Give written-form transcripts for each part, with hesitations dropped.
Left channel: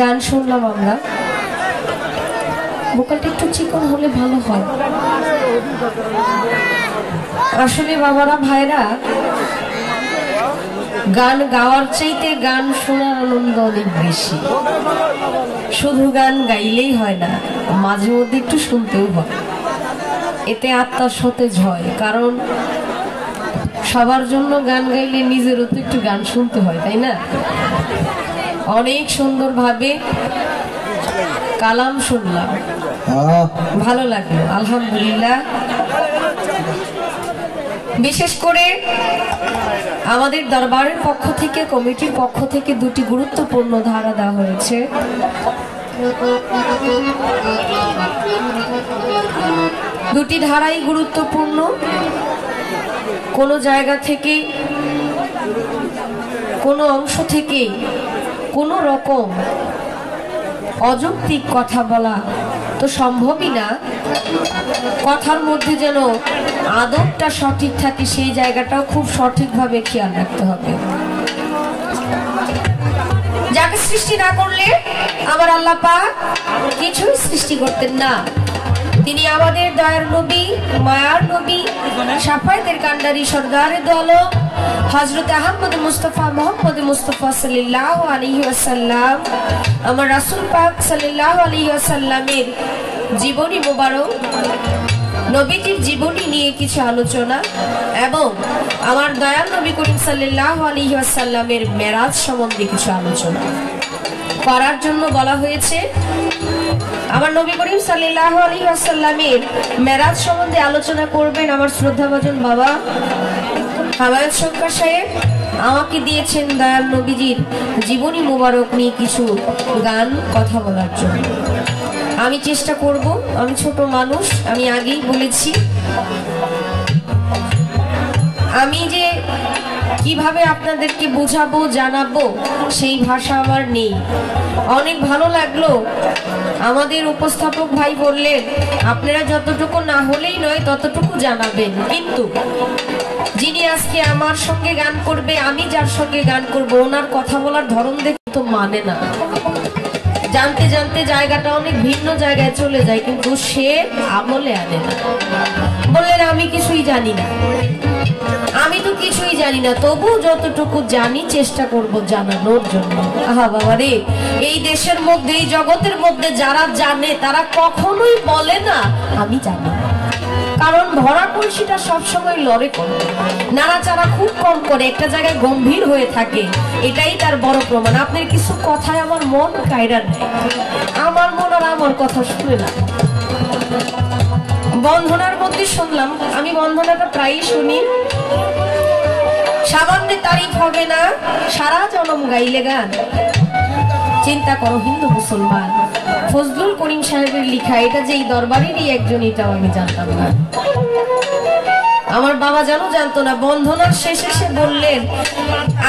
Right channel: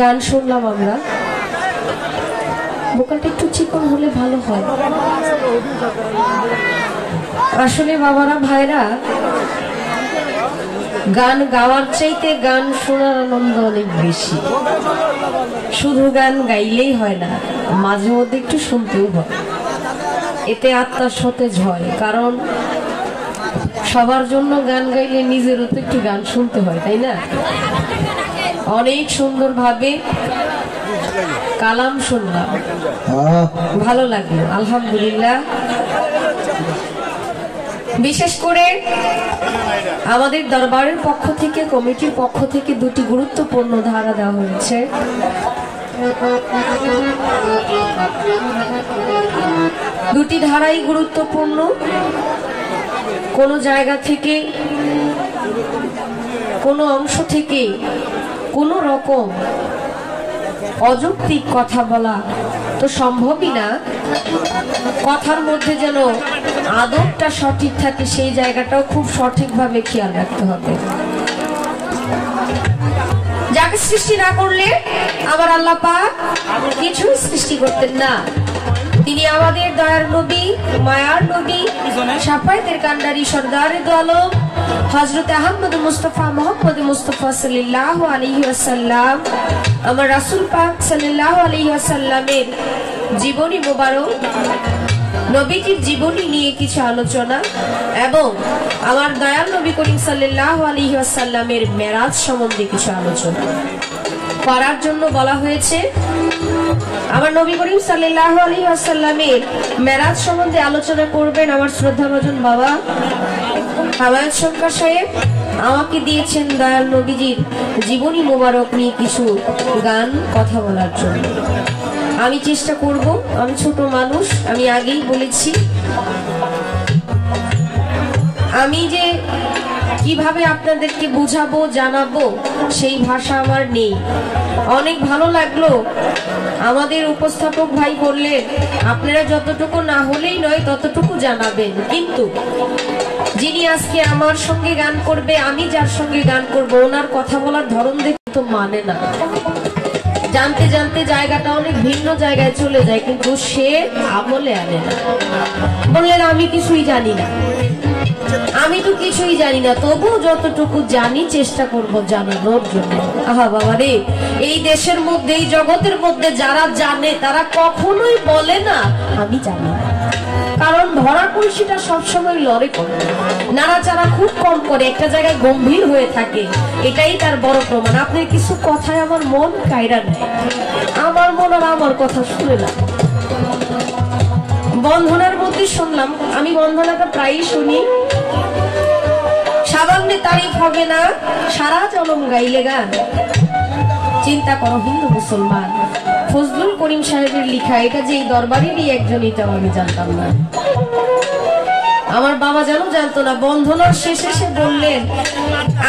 গান শুনলাম আমরা, ভোকালটা একটু চিকন হলে ভালো হয়। আসলে বাবারা ভাইরা, গান গাওয়ার চাইতে গান শোনার আনন্দ অনেক বেশি। শুধু গান গাইলেই হয় না, মাঝে মধ্যে একটু শুনতেও হয়, এতে আত্মা সতেজ হয়। কারণ সবার জন্য গান গাইলে নিজেরও তো একটু গান শুনতে হয়, তাই না? অনেক সুন্দর ভাবে কালাম শুনলাম, ভালো লাগলো, আলহামদুলিল্লাহ। বিশেষ করে আমাদের দরবারের পক্ষ থেকে, কমিটির পক্ষ থেকে দুটি গুরুত্বপূর্ণ ধারা দেওয়া হয়েছে। দুটি ধারাই গুরুত্বপূর্ণ। কোন জায়গা থেকে, কোন অংশ থেকে কোন রকম অযৌক্তিক কথা বলা তো সম্ভবই না। কথার মধ্যে যেন আদবটা সঠিক থাকে, সেই জায়গাটাও খুব সঠিকভাবে খেয়াল রাখতে হবে। যাকে সৃষ্টি না করলে আমার আল্লাহ পাক কিছুই সৃষ্টি করতেন না। তিনি আমাদের দয়ার নবী, মায়ার নবী, শাফায়েতের কান্ডারি, সরদারে দু আলম হযরত আহমদ মুস্তাফা মুহাম্মদ মুস্তাফা সাল্লাল্লাহু আলাইহি ওয়াসাল্লাম, আমার রাসূল পাক সাল্লাল্লাহু আলাইহি ওয়াসাল্লামের জীবনী মোবারক, নবীজির জীবনী নিয়ে কিছু আলোচনা এবং আমার দয়াল নবী করিম সাল্লাল্লাহু আলাইহি ওয়াসাল্লামের মেরাজ সম্বন্ধে কিছু আলোচনা করার জন্য বলা হয়েছে। আমার নবী করিম সাল্লাল্লাহু আলাইহি ওয়াসাল্লামের মেরাজ সম্বন্ধে আলোচনা করবেন আমার শ্রদ্ধাভাজন বাবা হাওয়ায়েত শঙ্কর সাহেব। আমাকে দিয়েছেন দয়াল নবীজির জীবনী মোবারক নিয়ে কিছু গান কথা বলার জন্য। আমি চেষ্টা করব, আমি ছোট মানুষ, আমি আগেই বলেছি, আমি যে কিভাবে আপনাদেরকে বুঝাবো, জানাবো, সেই ভাষা আমার নেই। অনেক ভালো লাগলো, আমাদের উপস্থাপক ভাই বললেন আপনারা যতটুকু না হলেই নয় ততটুকু জানাবেন। কিন্তু যিনি আজকে আমার সঙ্গে গান করবে, আমি যার সঙ্গে গান করব, ওনার কথা বলার ধরন দেখে তো মানে না। জানতে জানতে জায়গাটা অনেক ভিন্ন জায়গায় চলে যায়, কিন্তু সে আমলে আনে না। বললেন আমি কিছুই জানি না, আমি তো কিছুই জানি না, তবু যতটুকু জানি চেষ্টা করব জানানোর জন্য। আহা বাবা রে, এই দেশের মধ্যে, এই জগতের মধ্যে যারা জানে তারা কখনোই বলে না আমি জানি না। কারণ ভরা কলসিটা সবসময় লড়ে করে, নাড়াচাড়া খুব কম করে, একটা জায়গায় গম্ভীর হয়ে থাকে, এটাই তার বড় প্রমাণ। আপনার কিছু কথায় আমার মন কায়রা নেই, আমার মন আর আমার কথা শুনে না। বন্ধনার মধ্যে শুনলাম, আমি বন্ধনাটা প্রায়ই শুনি, সামান্য তারিফ হবে না, সারা জনম গাইলে গান। চিন্তা করো হিন্দু মুসলমান, ফজলুল করিম সাহেবের লিখা, এটা যে এই দরবারেরই একজন, এটাও আমি জানতাম না, আমার বাবা জানো জানতো না। বন্ধনার শেষে সে বললেন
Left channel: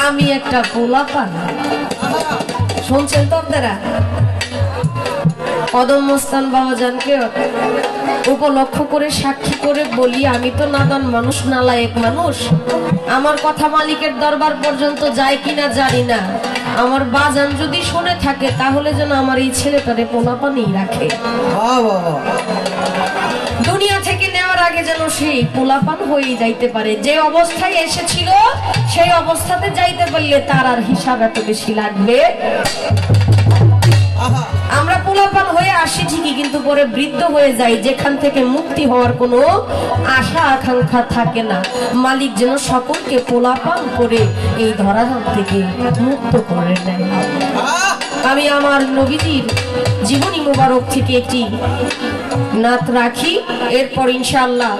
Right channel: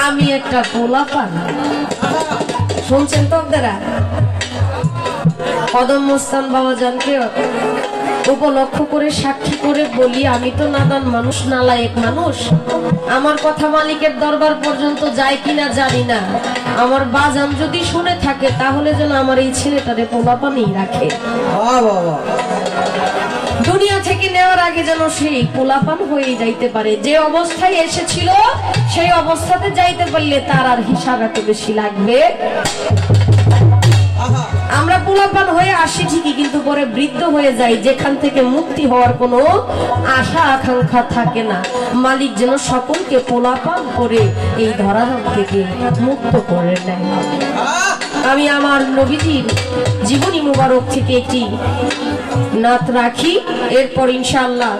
আমি একটা পোলাপান। শুনছেন তো আপনারা? কদম মস্তান বাবা জানকে উপলক্ষ করে, সাক্ষী করে বলি, আমি তো নাদান মানুষ, নালায়েক মানুষ, আমার কথা মালিকের দরবার পর্যন্ত যায় কিনা জানি না। আমার বাজান যদি শুনে থাকে তাহলে যেন আমার এই ছেলেটারে পোলাপানেই রাখে, দুনিয়া থেকে নেওয়ার আগে যেন সেই পোলাপান হয়ে যাইতে পারে। যে অবস্থায় এসেছিল সেই অবস্থাতে যাইতে পারলে তার আর হিসাব এত বেশি লাগবে। আমরা পোলাপান হয়ে আসি ঠিকই, কিন্তু পরে বৃদ্ধ হয়ে যাই, যেখান থেকে মুক্তি হওয়ার কোনো আশা আকাঙ্ক্ষা থাকে না। মালিক যেন সকলকে পোলাপান করে এই ধরাধাম থেকে মুক্ত করে নেয়। আমি আমার নবীজির জীবনী মুবারক থেকে একটি নাত রাখি, এরপর ইনশাআল্লাহ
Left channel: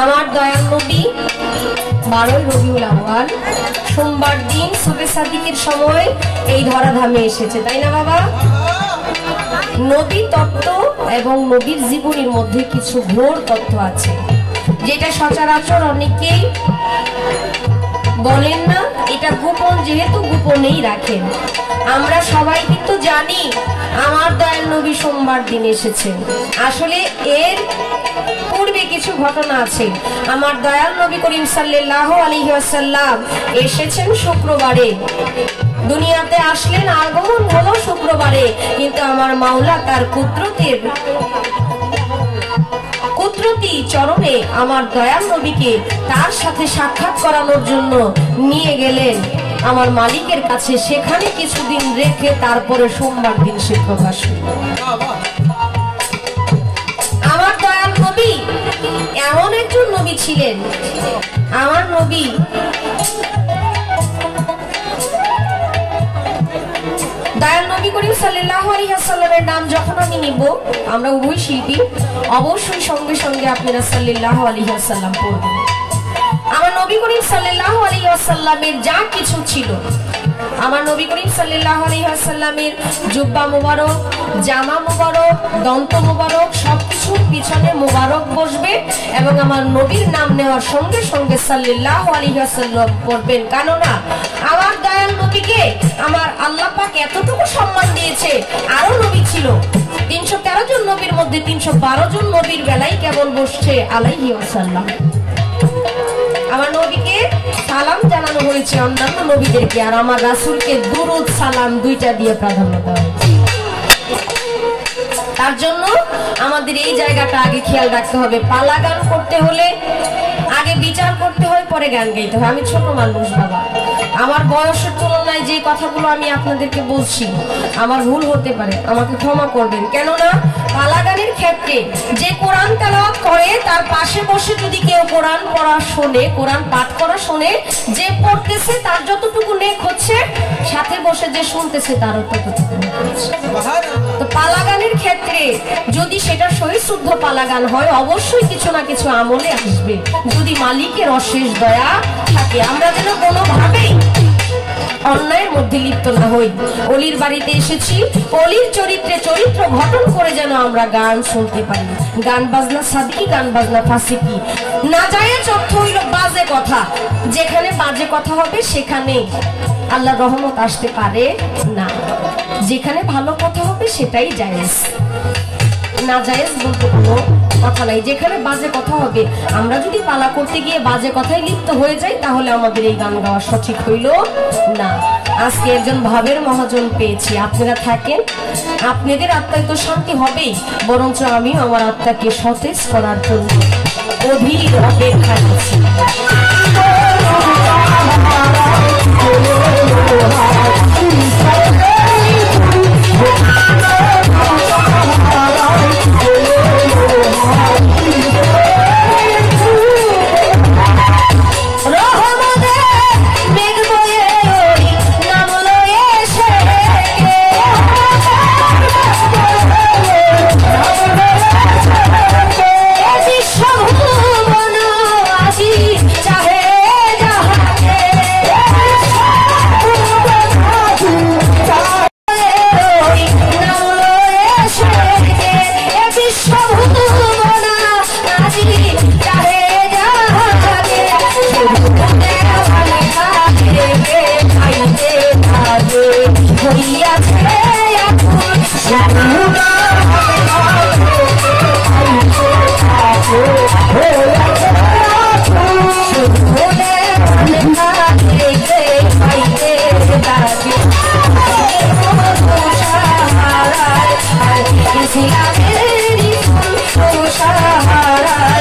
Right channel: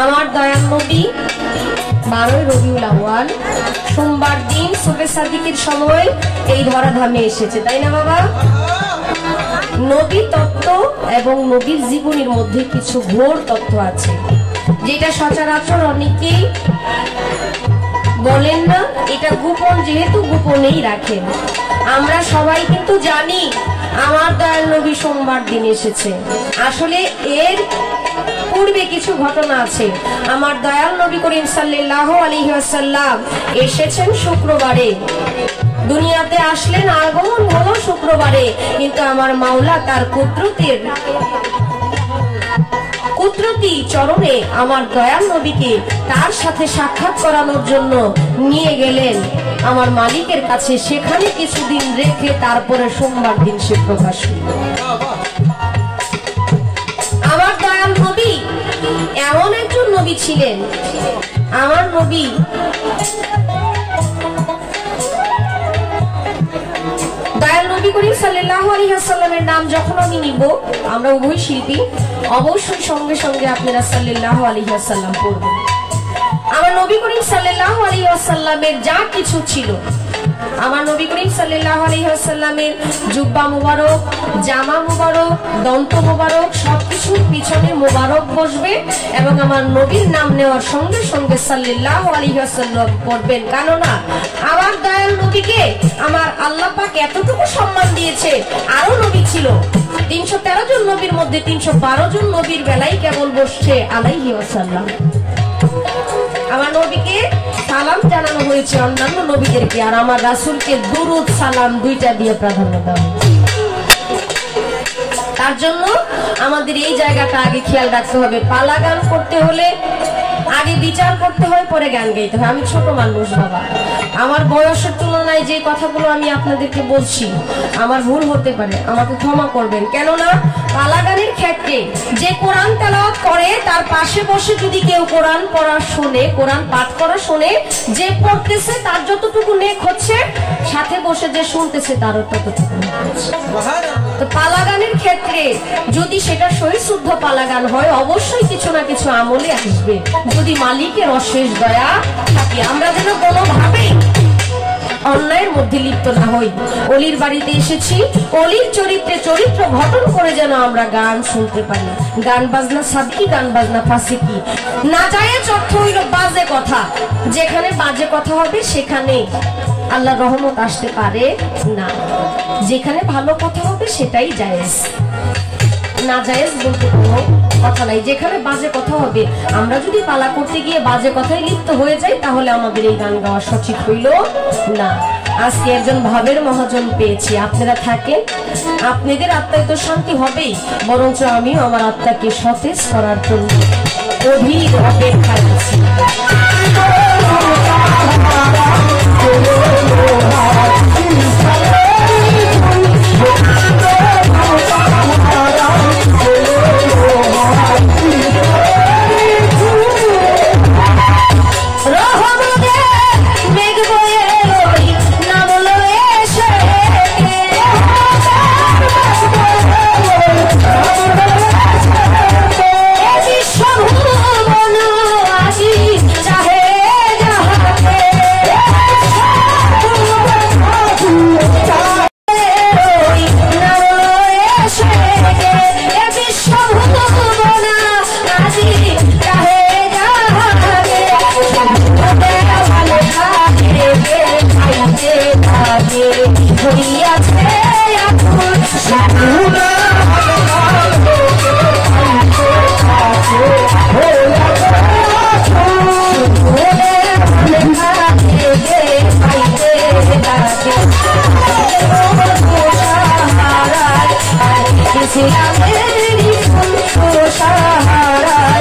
আমার দয়াল নবী 12 রবিউল আউয়াল সোমবার দিন সুবে সাদিকের সময় এই ধরাধামে এসেছে, তাই না বাবা? নবী তত্ত্ব এবং নবীর জীবনের মধ্যে কিছু ঘোর তত্ত্ব আছে, যেটা সচরাচর অনেকেই বলেন না, এটা গোপন, যেহেতু গোপনেই রাখেন। আমরা সবাই কিন্তু জানি আমার দয়াল নবী সোমবার দিন এসেছে। আসলে এর পূর্বে কিছু ঘটনা আছে। আমার দয়াল নবী করিম সাল্লাল্লাহু আলাইহি ওয়াসাল্লাম এসেছেন শুক্রবারে, দুনিয়াতে আসলেন, আগমন হলো শুক্রবারে, কিন্তু আমার মাওলা তার কুদরতি চরণে আমার দয়াল নবীকে তার সাথে সাক্ষাৎ করানোর জন্য নিয়ে গেলেন আমার মালিকের কাছে। সেখানে কিছুদিন রেখে তারপরে সোমবার দিন সে প্রকাশ হল। আমার দয়াল নবী এমন একজন নবী ছিলেন, আমার নবী দয়াল নবী করিম সাল্লাল্লাহু আলাইহি ওয়াসাল্লামের নাম যখন আমি নিব, আমরা উভয় শিল্পী, অবশ্যই সঙ্গে সঙ্গে আপনারা সাল্লাল্লাহু আলাইহি ওয়াসাল্লাম পড়বেন। আমার নবী করিম সাল্লাল্লাহু আলাইহি ওয়াসাল্লামের যা কিছু ছিল, আমার নবী করিম সাল্লাল্লাহু আলাইহি ওয়াসাল্লামের জুব্বা মুবারক, জামা মুবারক, দন্ত মুবারক, সবকিছুর পিছনে মুবারক বসবে এবং আমার নবীর নাম নেওয়ার সঙ্গে সঙ্গে সাল্লাল্লাহু আলাইহি ওয়াসাল্লাম পড়বেন। কেননা আমার দয়াল নবীকে আমার আল্লাহ পাক এতটুকু সম্মান দিয়েছে। আরো নবী ছিল, 313 জন নবীর মধ্যে 312 জন নবীর বেলায় কেবল বসছে আলাইহি ওয়াসাল্লাম। আমার নবীকে সালাম জানানো হয়েছে অন্যান্য নবীদেরকে, আর আমার রাসূলকে দুরুদ সালাম দুইটা দিয়ে প্রাধান্য দেওয়া হয়েছে। তার জন্য আমাদের এই জায়গাটা আগে খেয়াল রাখতে হবে। পালা গান করতে হলে আগে বিচার করতে হয়, পরে গান গাইতে হয়। আমি ছোট মানুষ বাবা, আমার বয়সের তুলনায় যে কথাগুলো আমি আপনাদেরকে বলছি আমার ভুল হতে পারে, আমাকে ক্ষমা করবেন। কেননা পালা গানের ক্ষেত্রে যে কোরআন তেলাওয়াত করে তার পাশে বসে যদি কেউ কোরআন পড়া শোনে, কোরআন পাঠ করা শোনে, যে পড়তেছে তার যতটুকু নেক হচ্ছে, সাথে বসে যে শুনতেছে তারও ততটুকু নেক হচ্ছে। তো পালা গানের ক্ষেত্রে যদি সেটা সহিশুদ্ধ পালা গান হয়, অবশ্যই কিছু না কিছু আমলে আসবে, যদি মালিকের অশেষ দয়া থাকে। আমরা যেন কোনোভাবেই অন্যায়ের মধ্যে লিপ্ত না হই। অলির বাড়িতে এসেছি, অলির চরিত্রে চরিত্র গঠন করে যেন আমরা গান শুনতে পারি। গান বাজনা সাদকি, গান বাজনা ফাসিকি, নাজায়েজ অর্থ হইল বাজে কথা। যেখানে বাজে কথা হবে সেখানে আল্লাহর রহমত আসতে পারে না। যেখানে ভালো কথা হবে সেটাই জায়েজ, নাজায়েজ বলতে কোনো কথা নাই। যেখানে বাজে কথা হবে, আমরা যদি পালা করতে গিয়ে বাজে কথায় লিপ্ত হয়ে যাই, তাহলে আমাদের এই গান গাওয়া সঠিক হইল না। আজকে একজন ভাবের মহাজন পেয়েছি, আপনারা থাকেন, আপনাদের আত্মায় তো শান্তি হবেই, বরঞ্চ আমিও আমার আত্মাকে সতেজ করার জন্য অধীর অপেক্ষায় আছি। Sahara